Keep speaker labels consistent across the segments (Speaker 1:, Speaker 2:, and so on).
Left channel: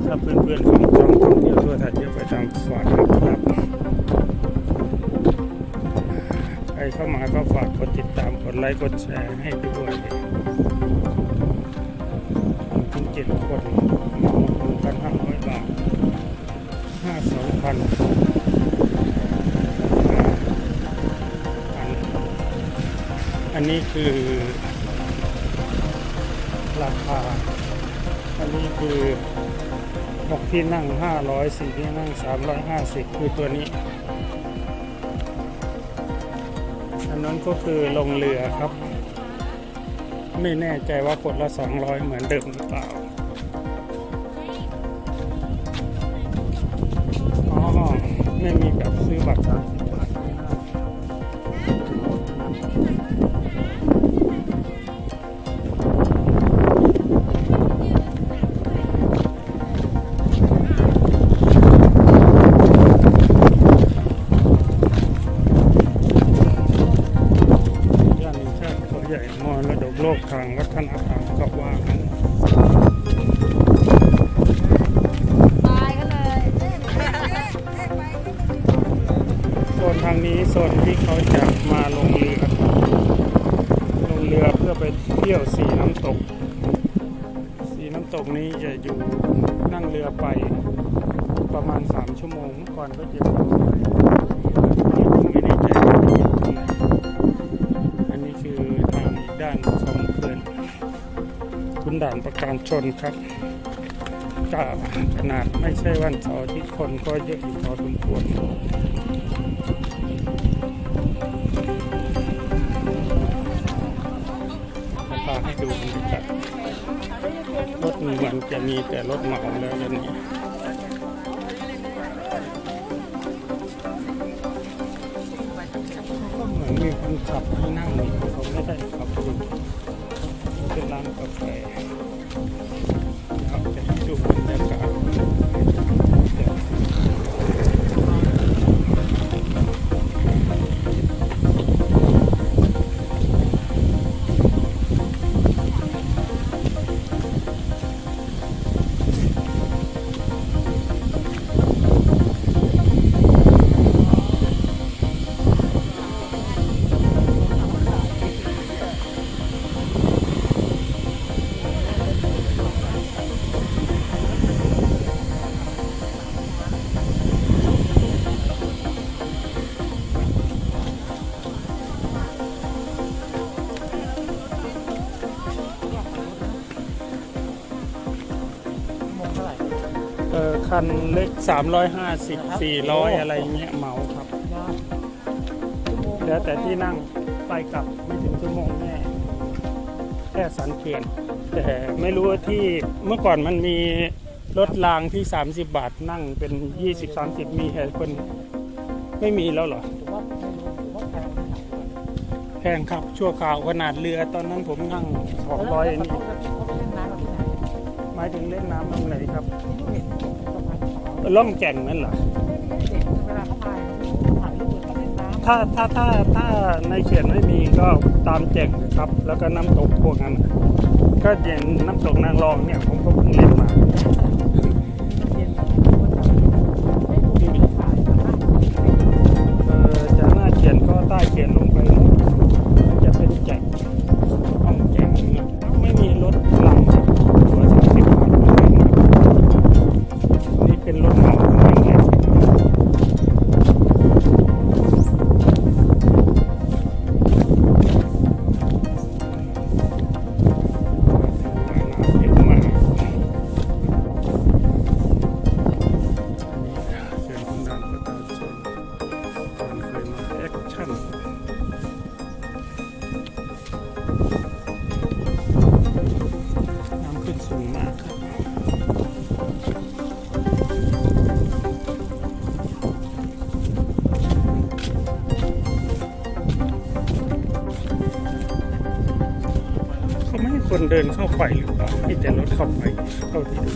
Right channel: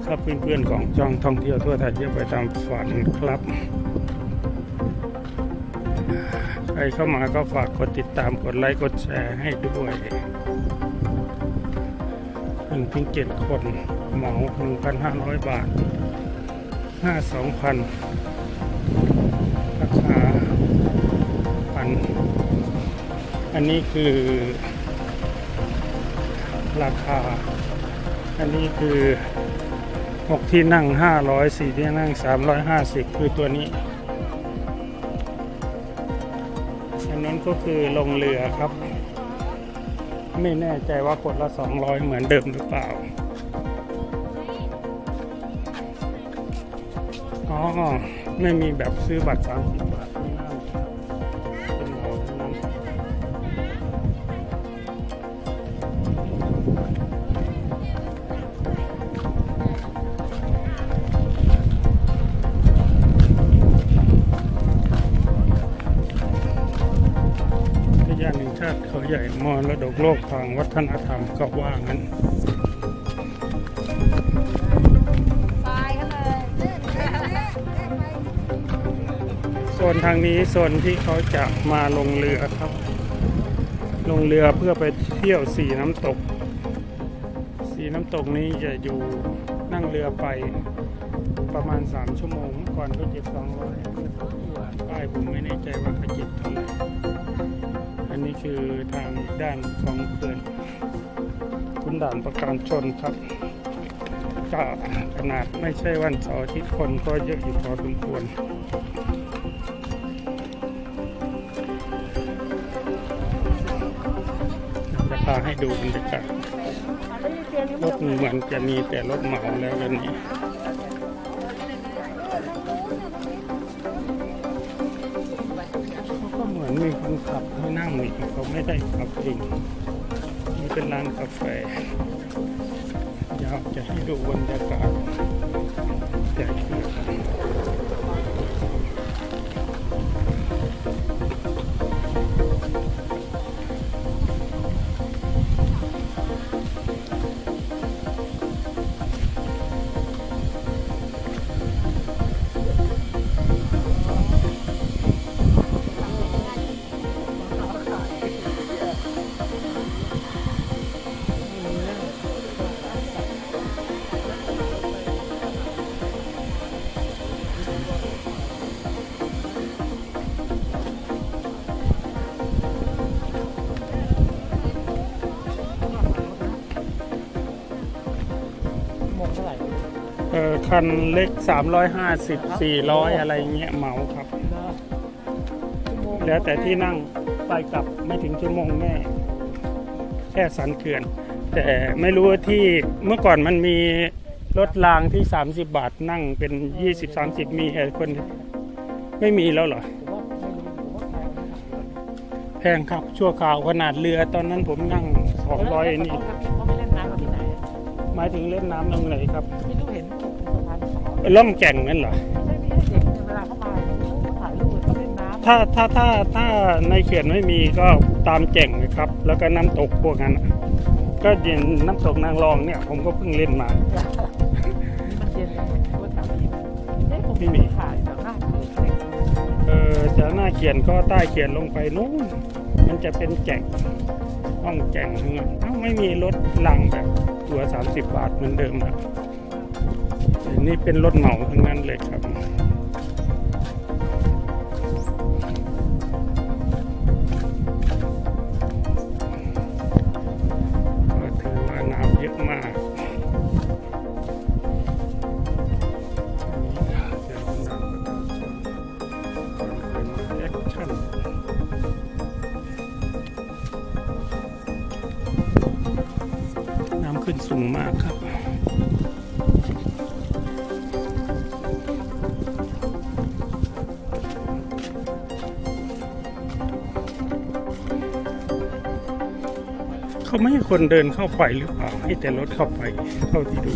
Speaker 1: เพื่อนๆของช่องท่องเที่ยวทั่วไทยเยอะไปตามฝันนะครับใครเข้ามาก็ฝากกดติดตามกดไลค์กดแชร์ให้ด้วยเป็นถึงเจ็ดคนหมาหนึ่งพันห้าร้อยบาทห้าสองพันราคาพันอันนี้คือราคา อันนี้คือ 6 ที่นั่ง 500 4 ที่นั่ง 350 คือตัวนี้อันนั้นก็คือลงเรือครับ ไม่แน่ใจว่าคนละ 200 เหมือนเดิมหรือเปล่าอ๋อไม่มีแบบซื้อบัตร30บาทไม่ได้ย่า โลกทางวัฒนธรรมก็ว่างั้น
Speaker 2: ตายกันเลย
Speaker 1: โซนทางนี้โซนที่เขาจะมาลงเรือ ลงเรือเพื่อไปเที่ยวสีน้ำตก สีน้ำตกนี้จะอยู่นั่งเรือไปประมาณ 3 ชั่วโมงเมื่อก่อนก็จะทำไว้แต่ผมไม่แน่ใจว่าจะอยู่ตรงไหนอันนี้คือ ด้านของเขื่อนคุณด่านประการชนครับก็ขนาดไม่ใช่วันเสาร์ที่คนก็เยอะอยู่พอสมควรราคาให้ดูบรรยากาศรถเหมือนจะมีแต่รถเหมาแล้ววันนี้ ขับให้นั่งหนึ่งเขาไม่ได้ขับเองนี่เป็นร้านกาแฟ คันเล็ก 350 400 อะไรเงี้ยเหมาครับ แล้วแต่ที่นั่งไปกลับไม่ถึงชั่วโมงแม่แค่สันเขื่อน แต่ไม่รู้ว่าที่เมื่อก่อนมันมีรถรางที่ 30 บาทนั่งเป็น 20 30 มีแค่คนไม่มีแล้วเหรอ แพงครับ ชั่วคราวขนาดเรือตอนนั้นผมนั่ง 200นี่หมายถึงเล่นน้ำ ร่มแก่งนั่นเหรอ ถ้าถ้าถ้าถ้าในเขื่อนไม่มีก็ตามแจ่งนะครับ แล้วก็น้ำตกพวกนั้น ก็เย็นน้ำตกนางรองเนี่ยผมก็เพิ่งเล่นมาเออจากหน้าเขียนก็ใต้เขียนลงไปนู้นมันจะเป็นแจ่งห้องแจ่งเนี่ยไม่มีรถรางแบบตัวสามสิบบาท เป็นรถเหมาทั้งนั้นเลยครับน้ำเยอะมากเสียงคนดังประชาชนคนเคยมาแอคชั่นน้ำขึ้นสูงมากครับ เขาไม่ให้คนเดินเข้าไปหรือเปล่าให้แต่รถเข้าไปเท่าที่ดู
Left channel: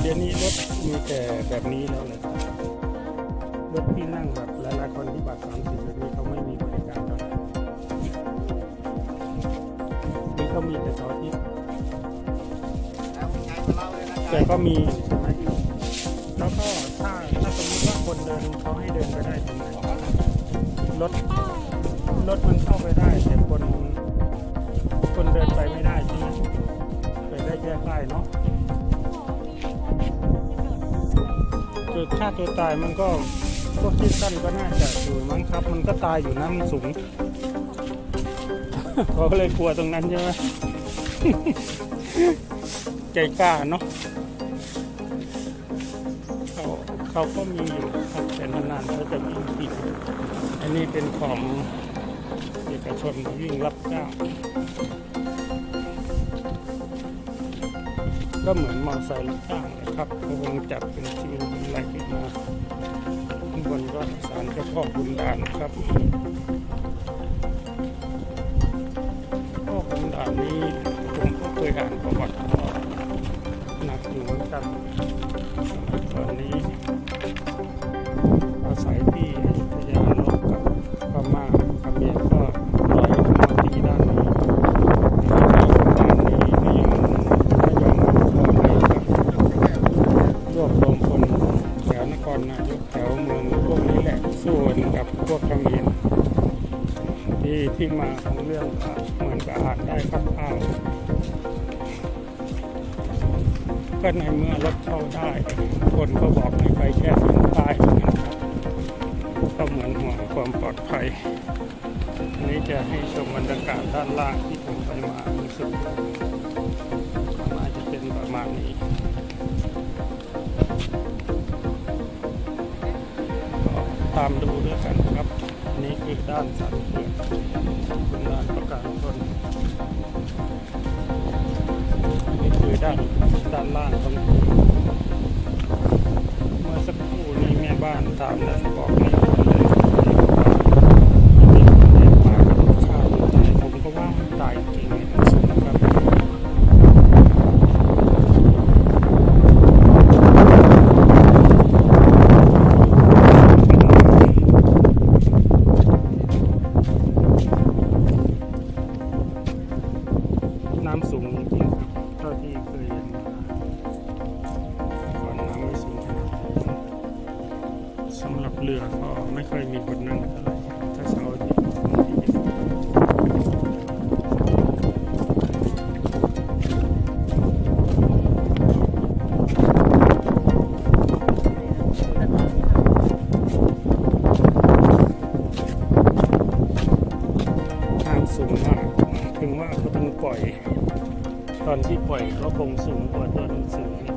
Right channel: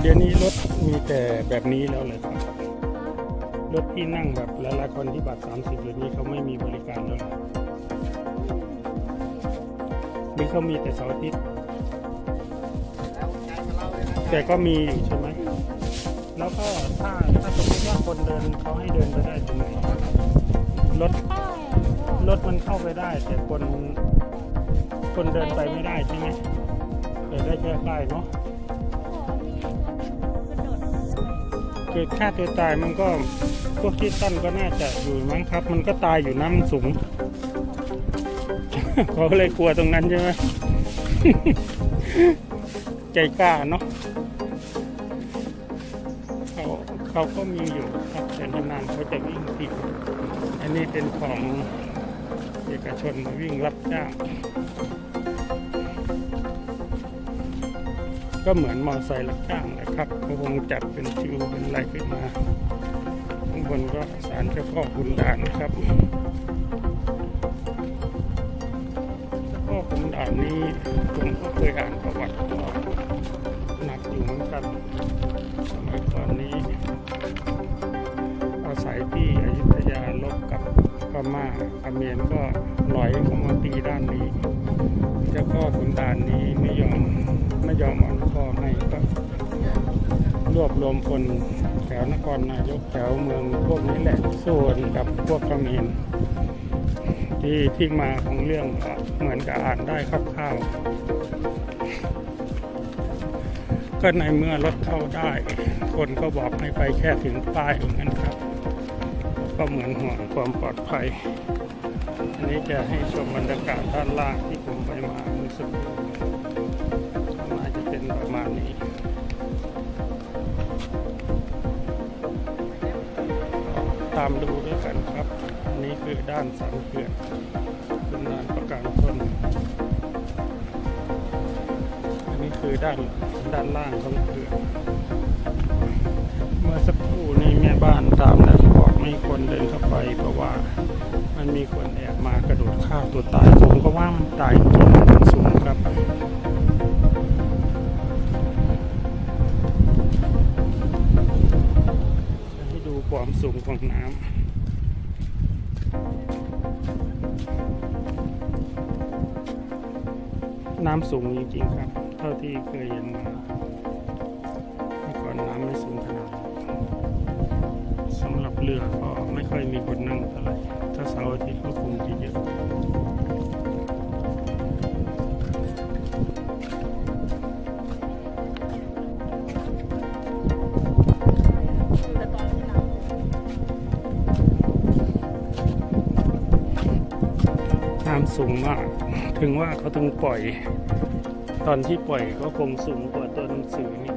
Speaker 1: เดี๋ยวนี้รถมีแต่แบบนี้แล้วเลยครับรถที่นั่งแบบหลายๆคนที่แบัตรสามสิบเดี๋ยวนี้เขาไม่มีบริการแล้วนี่เขามีแต่เสาร์อาทิตย์แต่ก็มีใช่ไหมแล้วก็ถ้าถ้าสมมติว่าคนเดินเขาให้เดินไปได้ตรงไหนวะรถรถมันเข้าไปได้ แต่คนคนเดินไปไม่ได้ใช่ไหมไปได้แค่ป้ายเนาะ คือค่าตัวตายมันก็พวกที่สั้นก็น่าจะอยู่มั้งครับ มันก็ตายอยู่น้ำสูงเขาเลยกลัวตรงนั้นใช่ไหมใจกล้าเนาะเขาเขาก็มีอยู่ครับแต่นานๆเขาจะวิ่งทีอันนี้เป็นของเอกชนวิ่งรับจ้างก็เหมือนมอเตอร์ไซค์รับจ้าง ครับเขาคงจัดเป็นชื่อเป็นอะไรขึ้นมาข้างบนก็สารเจ้าพ่อขุนด่านครับพ่อขุนด่านนี้ผมก็เคยอ่านประวัติหนักอยู่เหมือนกันสมัยก่อนนี้อาศัยที่อยุธยาลบกับพม่าเขมรก็ รนายกแถวเมืองพวกนี้แหละสู้กันกับพวกเขมรที่ที่มาของเรื่องเหมือนกับอ่านได้คร่าวๆก็ในเมื่อรถเข้าได้ คนก็บอกให้ไปแค่ถึงป้ายนะครับ ก็เหมือนห่วงความปลอดภัย อันนี้จะให้ชมบรรยากาศด้านล่างที่ผมไปมารู้สึกก็น่าจะเป็นประมาณนี้ ตามดูด้วยกันครับ นี่คือด้านสันเขื่อนเป็นด้านประการชนอันนี้คือด้านด้านล่างของเขื่อนเมื่อสักครู่นี้แม่บ้านถาม สูงจริงๆครับเท่าที่เคยเห็นมาก่อนน้ำไม่สูงขนาดนี้สำหรับเรือก็ไม่ค่อยมีคนนั่งเท่าไหร่ถ้าเสาร์อาทิตย์ก็คงจะเยอะ สูงมาก ถึงว่าเขาถึงปล่อย ตอนที่ปล่อยก็คงสูงกว่าตัวหนังสือนี่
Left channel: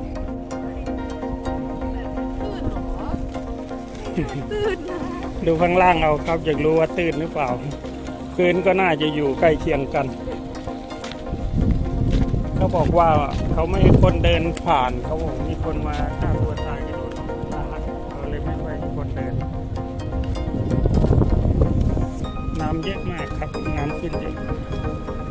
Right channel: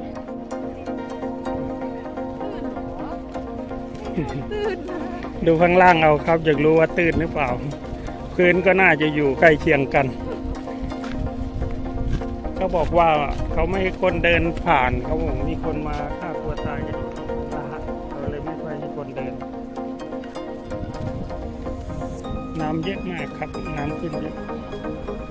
Speaker 1: ดูข้างล่างเอาครับ อยากรู้ว่าตื้นหรือเปล่า พื้นก็น่าจะอยู่ใกล้เคียงกัน เขาบอกว่าเขาไม่ให้คนเดินผ่าน เขาบอกมีคนมาฆ่าตัวตายกระโดดสาหัสเขาเลยไม่ค่อยให้คนเดิน น้ำเยอะมากครับ น้ำ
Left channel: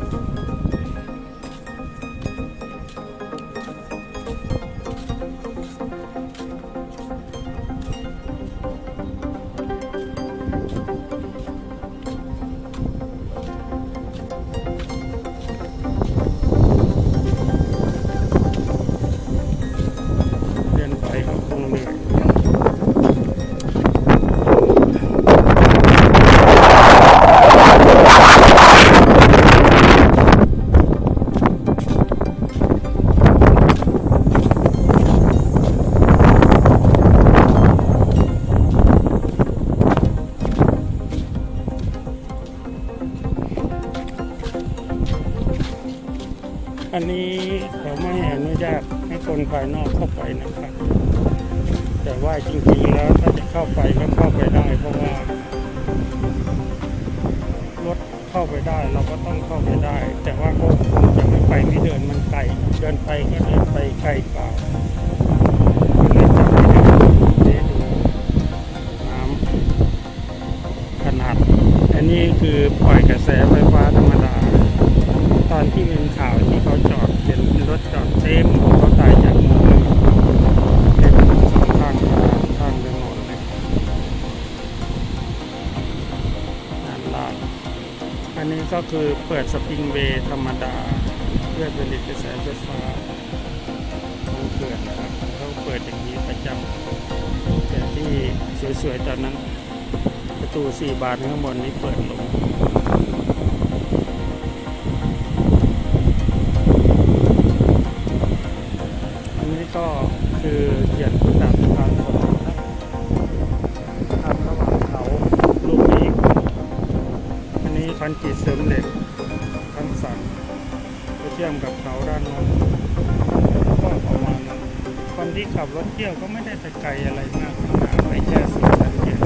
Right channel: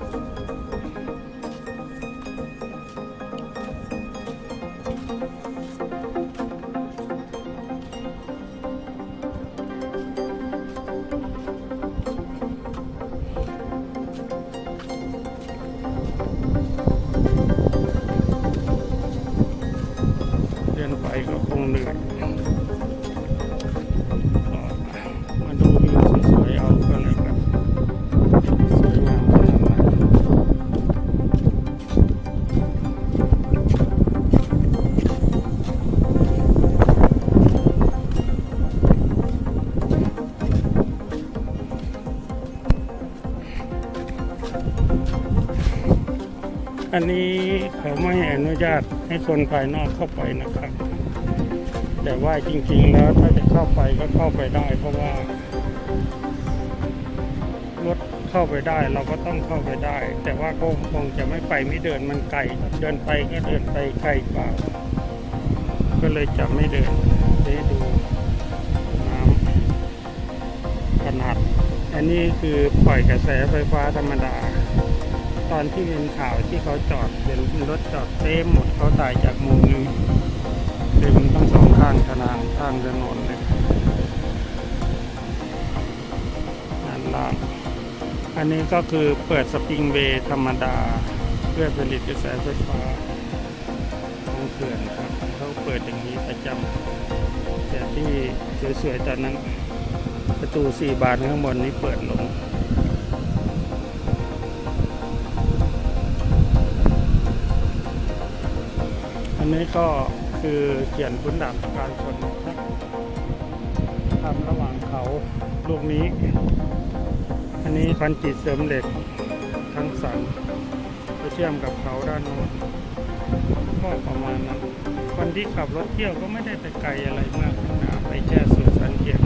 Speaker 1: ให้คนภายนอกเข้าไปนะครับ แต่ว่าจริงๆแล้วถ้าจะเข้าไปก็เข้าไปได้ เพราะว่ารถเข้าไปได้เราก็ต้องเข้าไปได้ แต่ว่าก็คงจะไม่ไปไม่เดินมันไกลเดินไปก็เดินไปไกลเปล่าก็เลยจะไม่ได้ดูได้ดูน้ำขนาด อันนี้คือปล่อยกระแสไฟฟ้าธรรมดา ตอนที่เป็นข่าวที่เขาจอดเป็นรถจอดเต็มเขาตายจากมุมหนึงเต็มทั้งสองข้างทางข้างถนนเลยนั่นลาดอันนี้ก็คือเปิดสปริงเวย์ธรรมดา เพื่อผลิตกระแสไฟฟ้าของเขื่อนครับเขาเปิดอย่างนี้ประจำแต่ที่สวยๆตอนนั้นประตูสี่บานข้างบนนี้เปิดลง ก็คือเขียนคุณดับการชนครับทำระหว่างเขาลูกนี้ อันนี้คอนกรีตเสริมเหล็กทั้งสันไปเทียมกับเขาด้านโน้นก็ประมาณนั้นคนที่ขับรถเที่ยวก็ไม่ได้ไปไกลอะไรมากข้างหน้าไปแค่สี่ชั้นเดียว